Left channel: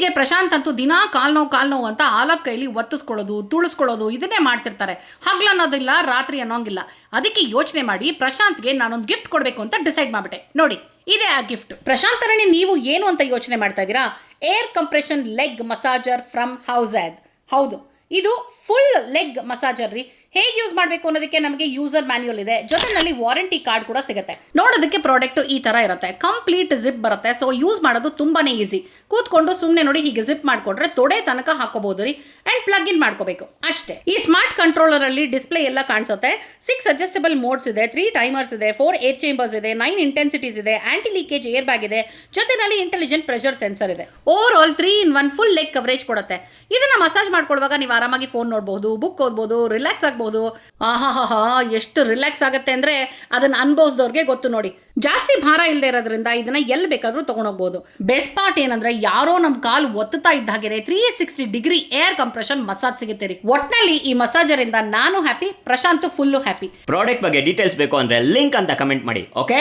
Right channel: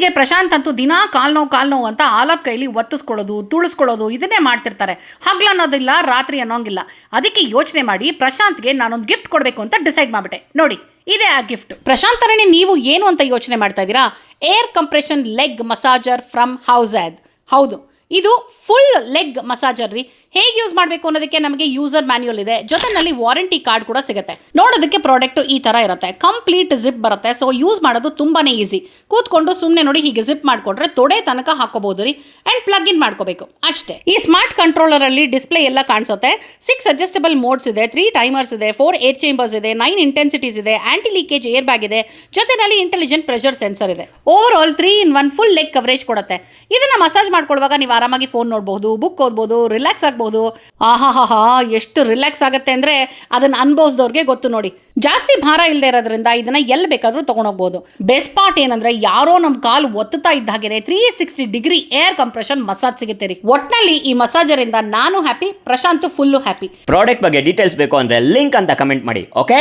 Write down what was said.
ಇತ್ತೀಚೆಗೆ ಪ್ರಶಾಂತ್ ಅಂತೂ ದಿನಾ ಕಾಲ್ ನೋವು ಅಂತ ಆಲಪ್ ಕೈಲಿ ಒತ್ತಿಸ್ಕೊಳ್ಳೋದು ತುಳಿಸ್ಕೊಳ್ಳೋದು ಇದನ್ನೇ ಮಾಡ್ತಿರ್ತಾರೆ. ಹಗ್ಲು ಅನ್ನೋದಿಲ್ಲ, ರಾತ್ರಿ ಅನ್ನೋಂಗಿಲ್ಲ. ಅದಕ್ಕೆ ಯೋಚನೆ ಮಾಡಿ ಪ್ರಶಾಂತ್ಗೆ ನಾನೊಂದು ಗಿಫ್ಟ್ ಕೊಡಬೇಕು ಅಂತ ಡಿಸೈಡ್ ಮಾಡಿಬಿಟ್ಟೆ. ನೋಡಿ, ಇದೇ ಆ ಗಿಫ್ಟ್. ಪ್ರಶಾಂತ್ ತರಣಿ, ನೀವು ಏನು ಅಂತ ಯೋಚನೆ ಮಾಡ್ತಾ ಇದ್ದೀರಾ? Air compression leg massager from ಹೌಸ್ಯಾದ್. ಹೌದು, ಇದು ಫುಲ್ ಲೆಗ್ ಮಸಾಜರ್ ರೀ. ಹೇಗೆ ಯೂಸ್ ಮಾಡಬೇಕು ಅನ್ನೋದಕ್ಕೆ ನಮಗೆ ಯೂಸರ್ ಮ್ಯಾನ್ಯುಯಲ್ ಇದೆ, ಜೊತೆನಲ್ಲಿ ವಾರಂಟಿ ಕಾರ್ಡ್ ಕೂಡ ಸಿಗುತ್ತೆ. ನೋಡೋದಕ್ಕೆ ಪ್ರಾಡಕ್ಟ್ ಈ ತರ ಇರುತ್ತೆ, ಕಂಪ್ಲೀಟ್ ಜಿಪ್ ಬರುತ್ತೆ. ಸೊ ಯೂಸ್ ಮಾಡೋದು ತುಂಬಾನೇ ಈಸಿ. ಕೂತ್ಕೊಂಡು ಸುಮ್ಮನೆ ನೋಡಿ ಹೀಗೆ ಜಿಪ್ ಮಾಡ್ಕೊಂಡ್ರೆ ತೊಡೆ ತನಕ ಹಾಕೋಬಹುದು ರೀ. ಅಂಡ್ ಪ್ಲಗ್ ಇನ್ ಮಾಡ್ಕೋಬೇಕು ಅಷ್ಟೇ. ಈ ಸ್ಮಾರ್ಟ್ ಕಂಟ್ರೋಲರ್ ಅಲ್ಲಿ ಡಿಸ್ಪ್ಲೇ ಎಲ್ಲ ಕಾಣಿಸುತ್ತೆ. 6 ಅಡ್ಜಸ್ಟಬಲ್ ಮೋಡ್ಸ್ ಇದೆ, 3 ಟೈಮರ್ಸ್ ಇದೆ, 4 ಏರ್ ಚೇಂಬರ್ಸ್ ಇದೆ, 9 ಇಂಟೆನ್ಸಿಟೀಸ್ ಇದೆ, ಆಂಟಿ ಲೀಕೇಜ್ ಏರ್ ಬ್ಯಾಗ್ ಇದೆ, ಜೊತೆನಲ್ಲಿ ಇಂಟೆಲಿಜೆಂಟ್ ಪ್ರೆಷರ್ ಸೆನ್ಸರ್ ಇದೆ. Over all 3-in-1 full leg coverage ಕೊಡುತ್ತೆ. ಇದನ್ನ ಮಸಾಜ್ ಮಾಡ್ಕೊಳ್ಳುವಾಗ ನೀವು ಆರಾಮಾಗಿ ಫೋನ್ ನೋಡಬಹುದು, ಬುಕ್ ಓದಬಹುದು, ರಿಲ್ಯಾಕ್ಸ್ ಆಗಬಹುದು. ಆಹಾಹಾ, ಎಷ್ಟು ರಿಲ್ಯಾಕ್ಸ್ ಆಗುತ್ತೆ ಅಂದ್ರೆ ಅದನ್ನ ಅನುಭವಿಸಿದವ್ರಿಗೆ ಗೊತ್ತು ನೋಡಿ. ಜಾಸ್ತಿ ಭಾರ ಇಲ್ಲದೆ ಇರೋದ್ರಿಂದ ಇದನ್ನ ಎಲ್ಲಿ ಬೇಕಾದ್ರೂ ತಗೊಂಡೋಗ್ಬೋದು. ಬೆಸ್ಟ್ ಪಾರ್ಟ್ ಏನಂದ್ರೆ ಯಾರೋ ನಮ್ ಕಾಲು ಒತ್ತುತ್ತಾ ಇದ್ದ ಹಾಗೆ 360 ಡಿಗ್ರಿ ಏರ್ ಕಂಪ್ರೆಷನ್ ಮಸಾಜ್ ಸಿಗುತ್ತೆ ರೀ. ಒಟ್ನಲ್ಲಿ ಈ ಮಸಾಜರ್ ಇಂದ ನಾನು happy, Prashant full happy. Product ಬಗ್ಗೆ ಡೀಟೇಲ್ಸ್ ಬೇಕು ಅಂದ್ರೆ ಲಿಂಕ್ ಅಂತ ಕಮೆಂಟ್ ಮಾಡಿ. ಓಕೆ.